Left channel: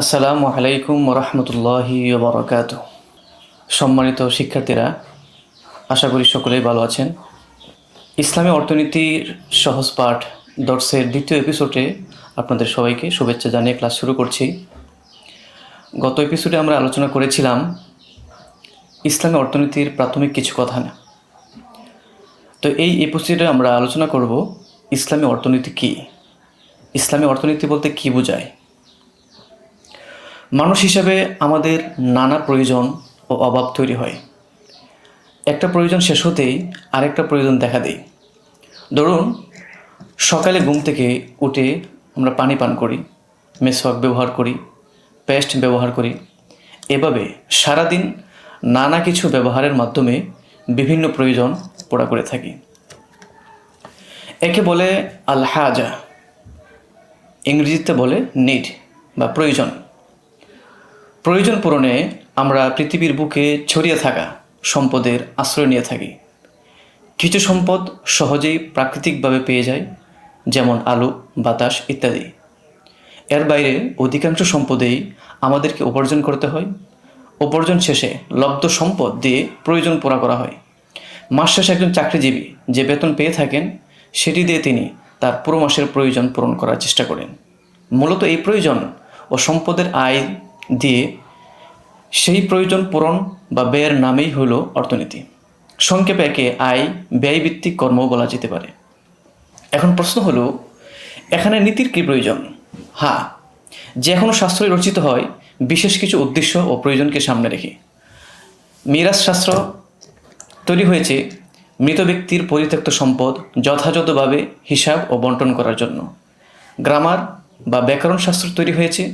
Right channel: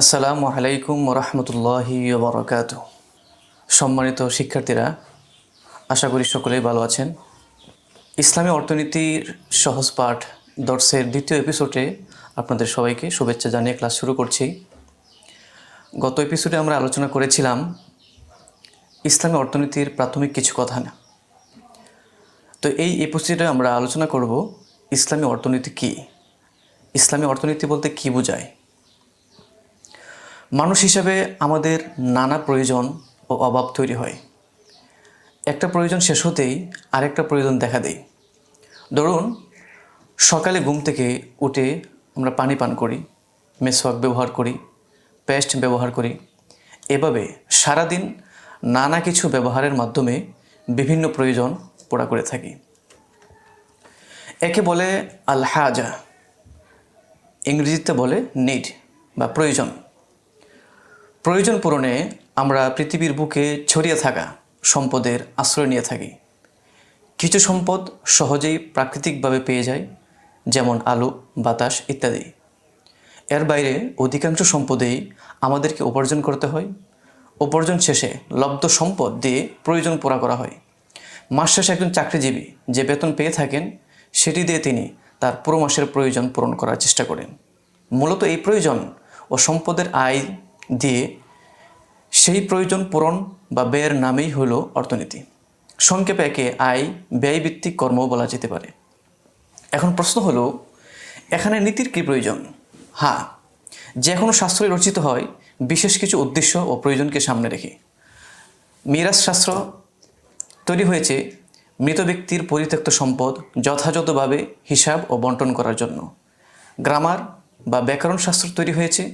আসসালামু আলাইকুম রহমতুল্লাহি বারাকাতুহু। সম্মানিত শিক্ষার্থীরা, আশা করি সকলেই ভালো আছেন। ইসলামী অর্থনীতির সহজ পাঠ দর্সের দ্বিতীয় এপিসোডে আপনাদের সবাইকে শুভেচ্ছা জানিয়ে ক্লাস শুরু করছি। গত এপিসোডে আমরা আলোচনা করেছিলাম ইসলামী অর্থনীতির প্রাথমিক কিছু কথা না। তো এই এপিসোডে আমরা আলোচনা করব ইসলামী অর্থনীতি কী, ইসলামী অর্থনীতি বলতে কী বোঝায়। মানুষ হিসাবে আমাদের নানা প্রয়োজন ও অভাব তৈরি হয়। একটা প্রয়োজন শেষ হতেই আরেকটা প্রয়োজন দেখা দেয়। ধরুন, সকালে ঘুম থেকে উঠে আমরা পানি পান করি, মেসওয়াক ব্যবহার করি, পেস্ট ব্যবহার করি। এভাবে সারাদিন নানা কিছু ব্যবহারের মাধ্যমে বিভিন্ন প্রয়োজন পুরা করে থাকি। একে বলে আল হাজা, ইংরেজিতে বলে নিড বা প্রয়োজন। প্রয়োজন পূরণে আমরা পৃথিবীর বুকে ছড়িয়ে থাকা সম্পদের আশ্রয় নিয়ে থাকি। কিছু সম্পদ সহজেই প্রাকৃতিকভাবে পেয়ে যায়, যেমন আলো, বাতাস ইত্যাদি। এর বাইরে অধিকাংশ সম্পদেই আমাদেরকে উপার্জন করতে হয়। উপার্জন শেষে লব্ধ সম্পদ দিয়ে প্রয়োজন পুরা করা হয়। মাস শেষে একজন চাকরিজীবী যে বেতন পেয়ে থাকেন, সেটি দিয়ে তিনি তার পুরো মাসের প্রয়োজন পূরণ করার চেষ্টা করেন। মূলত এই প্রয়োজন ও সম্পদের আয় দিয়ে সেই প্রয়োজন পূরণ বা ব্যয়ের নামেই হল অর্থনীতি। সংক্ষেপে একে আয় ব্যয়ভিত্তিক কর্ম বলা যেতে পারে। এখন প্রশ্ন হলো, এখানে নীতির কী প্রয়োজন? হ্যাঁ, যে কোনো শাস্ত্রই রচিত হয় বিশেষ কিছু উদ্দেশ্য ও প্রয়োজনকে সামনে রেখে। মিরাস শাস্ত্র তৈরি হয়েছে মৃত ব্যক্তির পরিত্যক্ত সম্পদ যথাযথভাবে হিসাব ও বন্টন করার জন্য। গ্রামার বা ব্যাকরণ শাস্ত্র তৈরি হয়েছে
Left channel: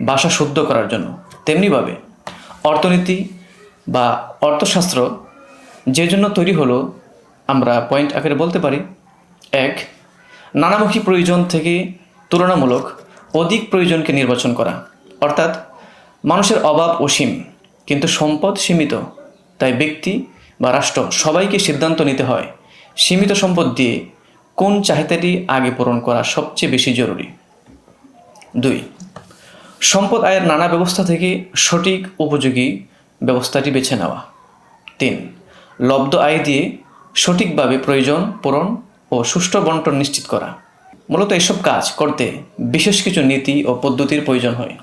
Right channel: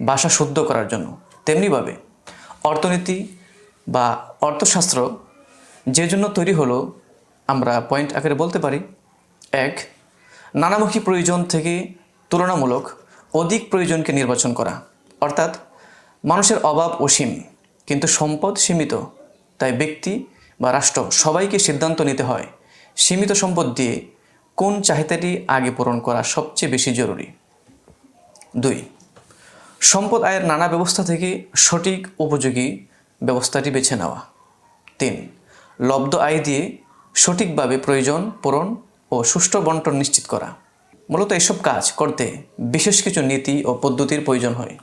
ভাষা শুদ্ধ করার জন্য। তেমনিভাবে অর্থনীতি বা অর্থশাস্ত্র যে জন্য তৈরি হলো, আমরা পয়েন্ট আকারে বলতে পারি: এক, নানামুখী প্রয়োজন থেকে তুলনামূলক অধিক প্রয়োজনকে নির্বাচন করা। অর্থাৎ মানুষের অভাব অসীম কিন্তু সম্পদ সীমিত, তাই ব্যক্তি বা রাষ্ট্র সবাইকে সিদ্ধান্ত নিতে হয় সীমিত সম্পদ দিয়ে কোন চাহিদাটি আগে পূরণ করা সবচেয়ে বেশি জরুরি। দুই, সম্পদ আয়ের নানা ব্যবস্থা থেকে সঠিক উপযোগী ব্যবস্থাটি বেছে নেওয়া। তিন, লব্ধ আয় দিয়ে সঠিকভাবে প্রয়োজন পূরণ ও সুষ্ঠু বন্টন নিশ্চিত করা। মূলত এসব কাজ করতে বিশেষ কিছু নীতি ও পদ্ধতির প্রয়োজন হয়।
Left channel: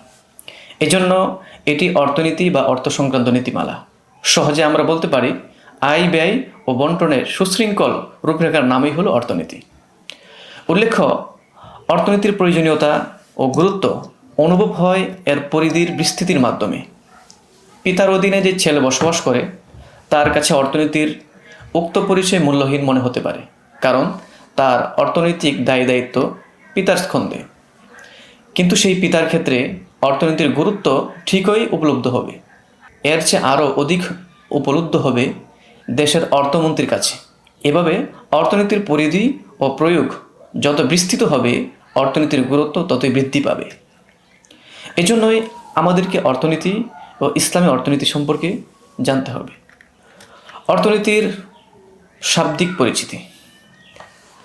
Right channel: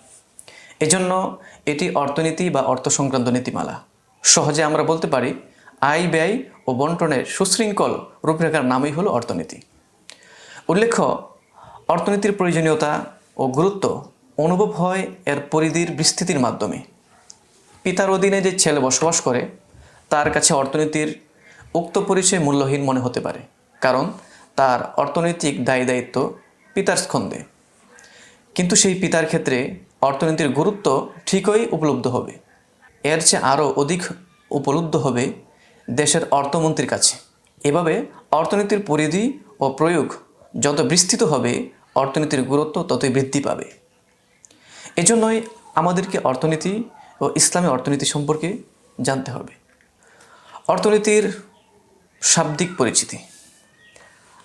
এজন্য এটি অর্থনীতি বা অর্থ সংক্রান্ত নীতিমালা। সহজে আমরা বলতে পারি, আয় ব্যয় ও বন্টনের সুশৃঙ্খল রূপরেখার নামই হলো অর্থনীতি। উল্লেখ্য, অর্থনীতির প্রয়োজনীয়তা ও গুরুত্ব অনুভব হয় এর পরিধির বিস্তৃতির মাধ্যমে। পিতার অধীনে যে ছেলে বসবাস করে, তার কাছে অর্থনীতির উক্ত পরিচয় মূল্যহীন মনে হতে পারে, কারণ তার অর্থনৈতিক দায় দায়িত্ব পিতার স্কন্ধে। কিন্তু সেই পিতার ক্ষেত্রে অর্থনীতির গুরুত্ব ঠিকই উপলব্ধ হবে। এর চেয়ে আরও অধিক উপলব্ধ হবে দেশের অর্থমন্ত্রীর কাছে। এভাবে অর্থনীতির পরিধি ও প্রয়োগ যত বিস্তৃত হবে, অর্থনীতির গুরুত্ব ততই বৃদ্ধি পাবে। এজন্যই আমাদেরকে অর্থনীতি ও ইসলামী অর্থনীতি সম্পর্কে জানতে হবে। অর্থনীতির শাব্দিক পরিচিতি।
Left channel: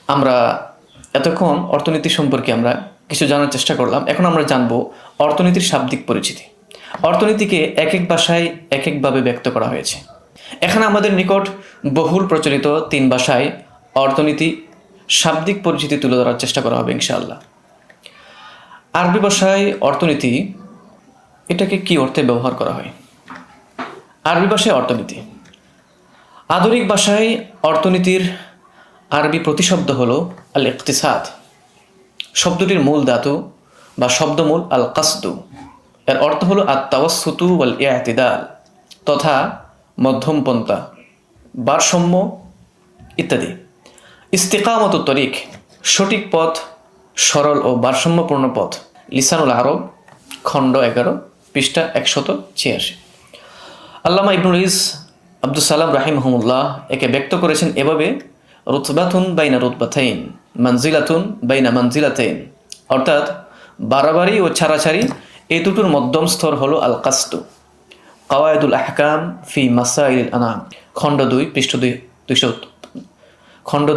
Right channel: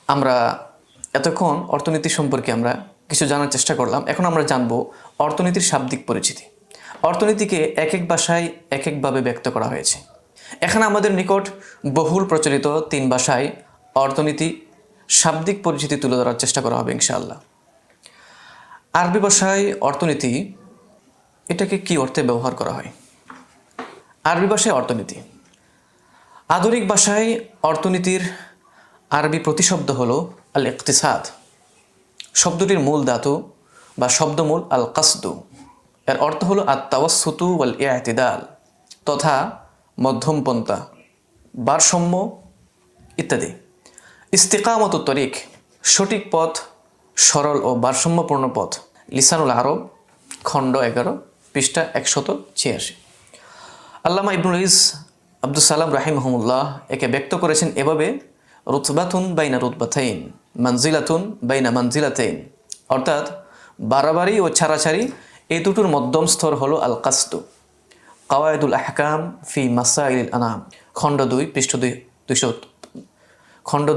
আমরা এতক্ষণ অর্থনীতি সম্পর্কে আমরা কিছু জানার চেষ্টা করলাম। এখন আমরা জানব অর্থনীতির শাব্দিক পরিচিতি। অর্থনীতিকে এক এক ভাষায় এক একভাবে ব্যক্ত করা হয়েছে। এখানে আমাদের নিকট বহুল প্রচলিত তিন ভাষায় অর্থনীতি শাব্দিক পরিচিতি তুলে ধরার চেষ্টা করা হবে ইনশাআল্লাহ। আরবি ভাষায় অর্থনীতি, এটাকে কি অর্থে ব্যবহার করা হয়? আরবি ভাষায় অর্থনীতি। আধুনিক ভাষায় অর্থনীতির আরবি প্রতিশব্দ হলো আল ইকতিসাদ। শব্দটির মূল ধাতু বা শব্দমূল আল কাসদু। এর অর্থ হলো আত তাওয়াসসুতু ওয়াল ইআতিদাল, তথা মধ্যমপন্থা, ভারসাম্য ইত্যাদি। ইস্তিকামত তরিক, সঠিক পথ, সরল ও ভারসাম্যপূর্ণ পথ। লিসানুল আরব, খণ্ড 11, পৃষ্ঠা 186। আল্লামা ইবনুল ইস আব্দুস সালাম রাহিমাহুল্লাহ একে ব্যক্ত করেছেন এভাবে: রুতবাতুন বাইনা রুতবাতাইন, মানজিলাতুন বাইনা মানজিলাতাইন। অর্থাৎ বাড়াবাড়ি ও ছাড়াছাড়ি এই দুটোর মধ্যম স্তর হলো আল কাসদু। কাওয়াইদুল আহকাম ফি মাসাইল আনাম, খণ্ড 2, পৃষ্ঠ 200, খণ্ড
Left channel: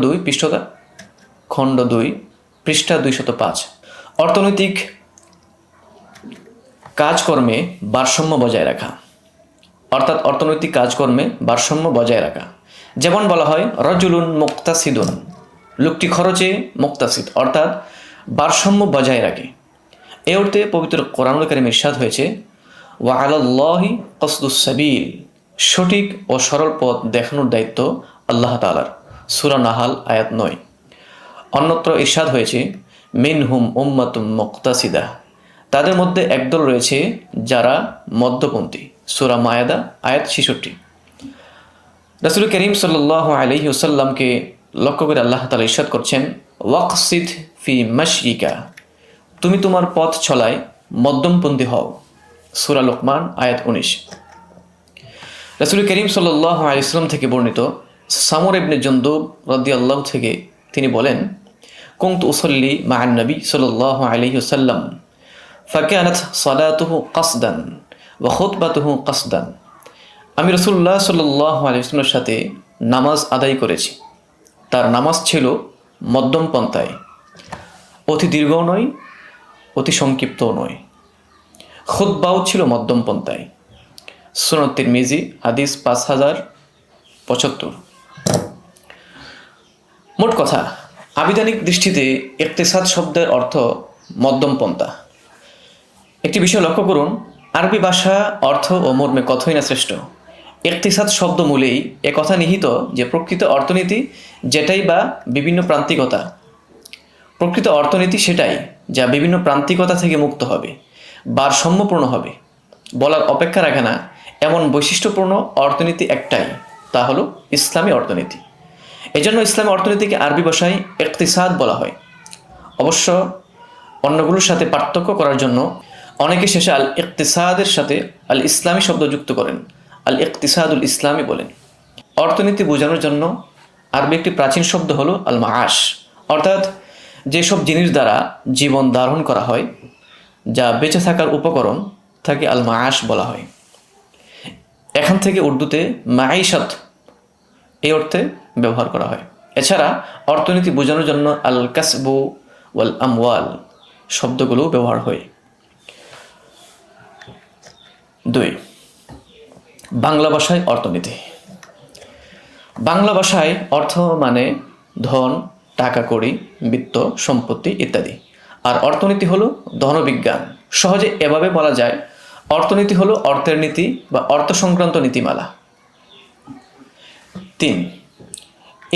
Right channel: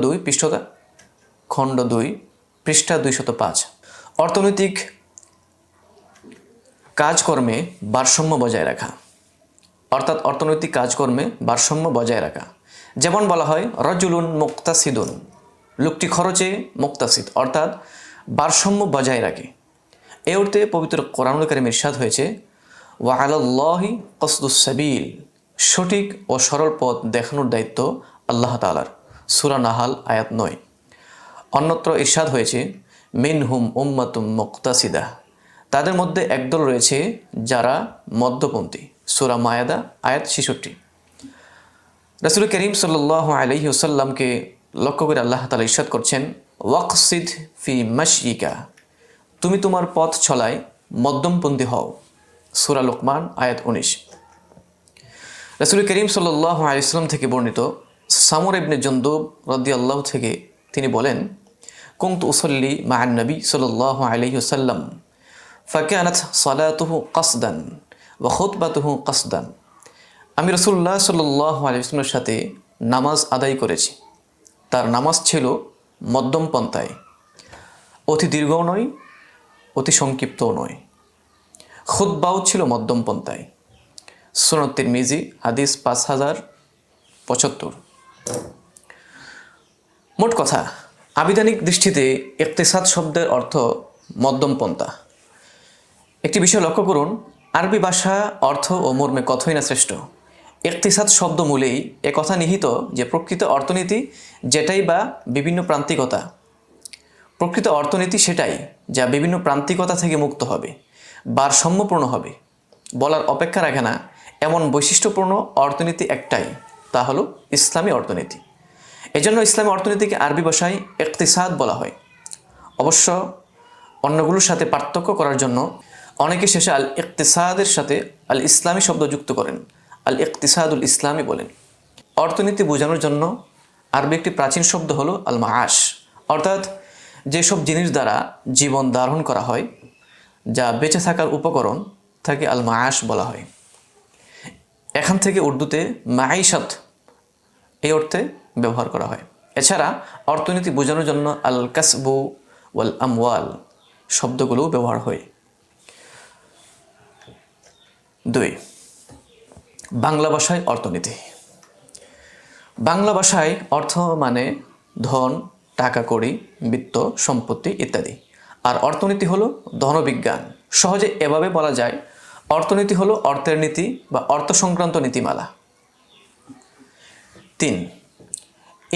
2 পৃষ্ঠা 205। অর্থনৈতিক কাজকর্মে ভারসাম্য বজায় রাখা, অর্থাৎ অর্থনৈতিক কাজকর্মে ভারসাম্য বজায় রাখা। যেমন বলা হয় রজুলুন মুক্তাসিদুন, লোকটি খরচে মুক্তাসিদ, অর্থাৎ ভারসাম্য বজায় রাখে। এই অর্থে পবিত্র কোরআনুল কারীমে ইরশাদ হয়েছে ওয়া আলাল্লাহি কসদুস সাবিল, সঠিক ও সরল পথ দেখানোর দায়িত্ব আল্লাহ তাআলার। সূরা নাহাল আয়াত 9। অন্যত্র ইরশাদ হয়েছে মিনহুম উম্মাতুম মুক্তাসিদা, তাদের মধ্যে একদল রয়েছে যারা মধ্যপন্থী। সূরা মায়েদা আয়াত 66। রাসূল করিম সাল্লাল্লাহু আলাইহি ওয়াসাল্লামকে লক্ষ্য করে আল্লাহ তাআলা ইরশাদ করছেন ওয়াকসিদ ফি মাশইকা, তুমি তোমার পথ চলায় মধ্যমপন্থী হও। সূরা লুকমান আয়াত 19। রাসূল করিম সাল্লাল্লাহু আলাইহি ওয়াসাল্লাম থেকে বর্ণিত সামর ইবনে জুনদুব রাদিয়াল্লাহু থেকে তিনি বলেন কুনতু উসাল্লি মা'আন নবী সাল্লাল্লাহু আলাইহি ওয়াসাল্লাম ফাকানাত সালাতুহু কাসদান ওয়া খুতবাতুহু কাসদান, আমি রাসূলুল্লাহ সাল্লাল্লাহু আলাইহি ওয়াসাল্লামের সাথে নামাজ আদায় করেছি, তার নামাজ ছিল মধ্যম পন্থায়, অতি দীর্ঘও নয় অতি সংক্ষিপ্তও নয়, খুতবাও ছিল মধ্যম পন্থায়। সুনান তিরমিজি হাদিস 5075। মোট কথা, আবিধানিক দৃষ্টিতে ইকতিসাদ শব্দের অর্থ মধ্যম পন্থা। একটি বিষয় লক্ষ্য করুন, আরবি ভাষা অর্থ ও মর্মে কথাই না শ্রেষ্ঠ। ইকতিসাদ শব্দ মূলেই এ কথা নিহিত যে প্রকৃত অর্থনীতি যেটাই বা বিভিন্ন প্রান্তিকতা, প্রকৃত অর্থনীতি সেটাই যা বিভিন্ন প্রান্তিকতা থেকে মুক্ত হবে, ভারসাম্যপূর্ণ হবে। বলার অপেক্ষা রাখে না এমন বৈশিষ্ট্যপূর্ণ অর্থনীতি একটাই, তা হলো ইসলামী অর্থনীতি। এজন্য ইসলামী অর্থনীতিকে আরবি ভাষায় ইকতিসাদ বলা হয়। অবশ্য অন্যগুলোর সাথে পার্থক্য করার জন্য অনেকে শেষে আল ইকতিসাদের সাথে আল ইসলামী শব্দ যুক্ত করেন, আল ইকতিসাদুল ইসলামী বলেন। অর্থনীতি বোঝানোর জন্য আরবি একটি প্রাচীন শব্দ হলো আল মাআশ, অর্থাৎ যেসব জিনিস দ্বারা জীবন ধারণ করা হয়, যা বেঁচে থাকার উপকরণ, তাকে আল মাআশ বলা হয়। এখান থেকে উর্দুতে মাঈশাত এই অর্থে ব্যবহার করা হয়। এছাড়া অর্থনীতি বোঝানোর জন্য আল কাসবু ওয়াল আমওয়াল শব্দগুলো ব্যবহার হয়। 2. বাংলা ভাষায় অর্থনীতি। বাংলা ভাষায় অর্থ মানে ধন, টাকা কড়ি, বিত্ত, সম্পত্তি ইত্যাদি। আর অর্থনীতি হলো ধনবিজ্ঞান। সহজে এভাবে বলা যায় অর্থনীতি হলো অর্থের নীতি বা অর্থ সংক্রান্ত নীতিমালা। 3.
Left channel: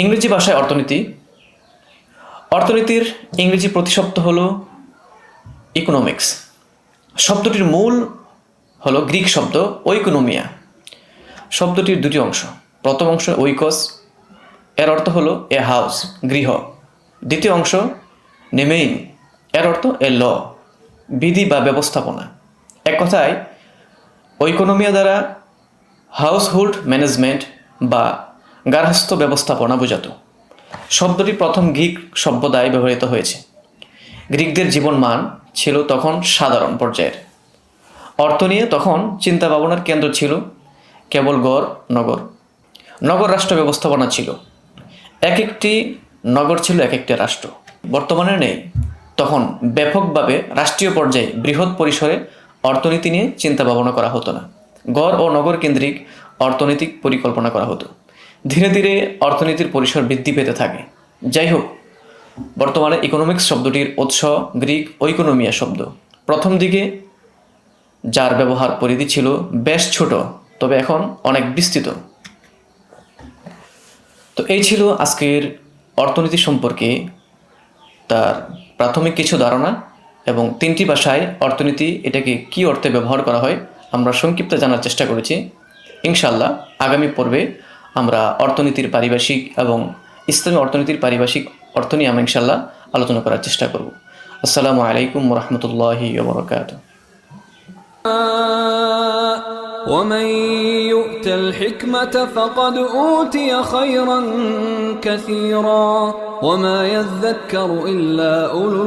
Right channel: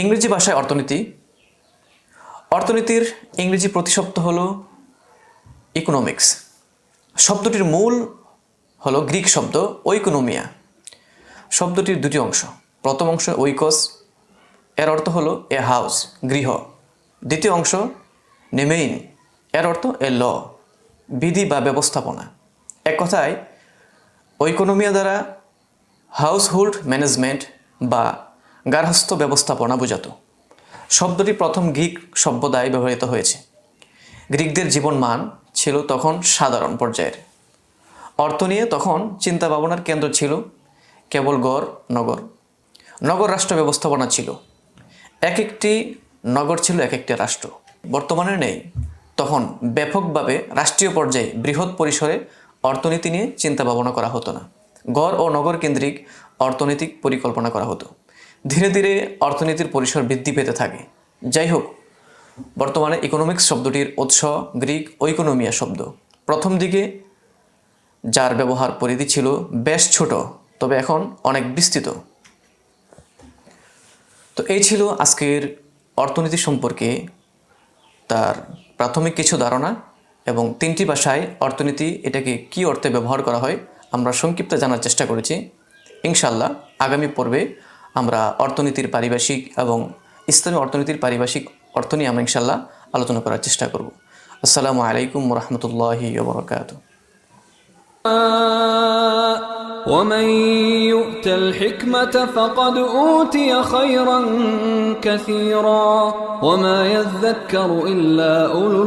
ইংরেজি ভাষায় অর্থনীতি। অর্থনীতির ইংরেজি প্রতিশব্দ হলো ইকোনমিক্স। শব্দটির মূল হলো গ্রিক শব্দ ওইকোনোমিয়া। শব্দটির দুটি অংশ। প্রথম অংশ ওইকস, এর অর্থ হলো এ হাউস, গৃহ। দ্বিতীয় অংশ নেমেইন, এর অর্থ এ ল, বিধি বা ব্যবস্থাপনা। এক কথায় ওইকোনোমিয়া দ্বারা হাউসহোল্ড ম্যানেজমেন্ট বা গার্হস্থ্য ব্যবস্থাপনা বোঝাতো। শব্দটি প্রথম গ্রিক সভ্যতায় ব্যবহৃত হয়েছে। গ্রিকদের জীবনমান ছিল তখন সাধারণ পর্যায়ের। অর্থ নিয়ে তখন চিন্তা ভাবনার কেন্দ্র ছিল কেবল গড় নগর। নগর রাষ্ট্র ব্যবস্থাপনা ছিল, এক একটি নগর ছিল এক একটি রাষ্ট্র। বর্তমানে নেই। তখন ব্যাপকভাবে রাষ্ট্রীয় পর্যায়ে বৃহৎ পরিসরে অর্থনীতি নিয়ে চিন্তা ভাবনা করা হতো না। গড় ও নগর কেন্দ্রিক অর্থনৈতিক পরিকল্পনা করা হতো। ধীরে ধীরে অর্থনীতির পরিসর বৃদ্ধি পেতে থাকে। যাই হোক, বর্তমানে ইকোনমিক্স শব্দটির উৎস গ্রিক ওইকোনোমিয়া শব্দ। প্রথম দিকে যার ব্যবহার পরিধি ছিল বেশ ছোট, তবে এখন অনেক বিস্তৃত। তো এই ছিল আজকের অর্থনীতি সম্পর্কে তার প্রাথমিক কিছু ধারণা, এবং 3টি ভাষায় অর্থনীতি এটাকে কি অর্থে ব্যবহার করা হয় আমরা সংক্ষিপ্ত জানার চেষ্টা করেছি। ইনশাআল্লাহ আগামী পর্বে আমরা অর্থনীতির পারিভাষিক এবং ইসলামী অর্থনীতির পারিভাষিক অর্থ নিয়ে আমরা ইনশাআল্লাহ আলোচনা করার চেষ্টা করব। আসসালামু আলাইকুম ওয়া রাহমাতুল্লাহি ওয়া বারাকাতুহু। ومن يؤت الحكمة فقد أوتي خيرا كثيرا وما يذكر إلا أولو